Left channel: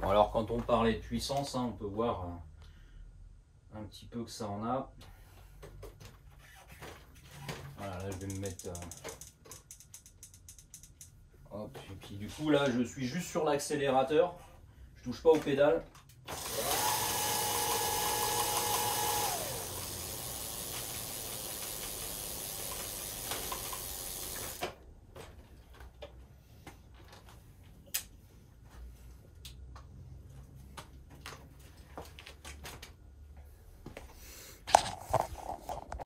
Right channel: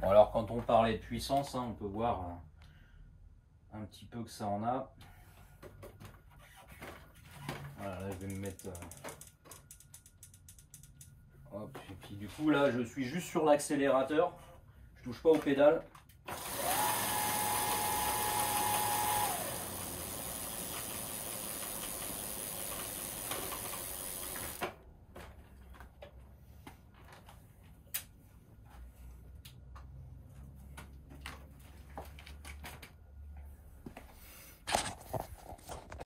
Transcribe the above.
Bon, alors quand on parlait de puissance, hein, on peut voir un petit peu que ça en a. Voilà, là je vais me mettre... hop, et puis du coup là je suis juste sur l'accélérateur, je touche pas aux pédales.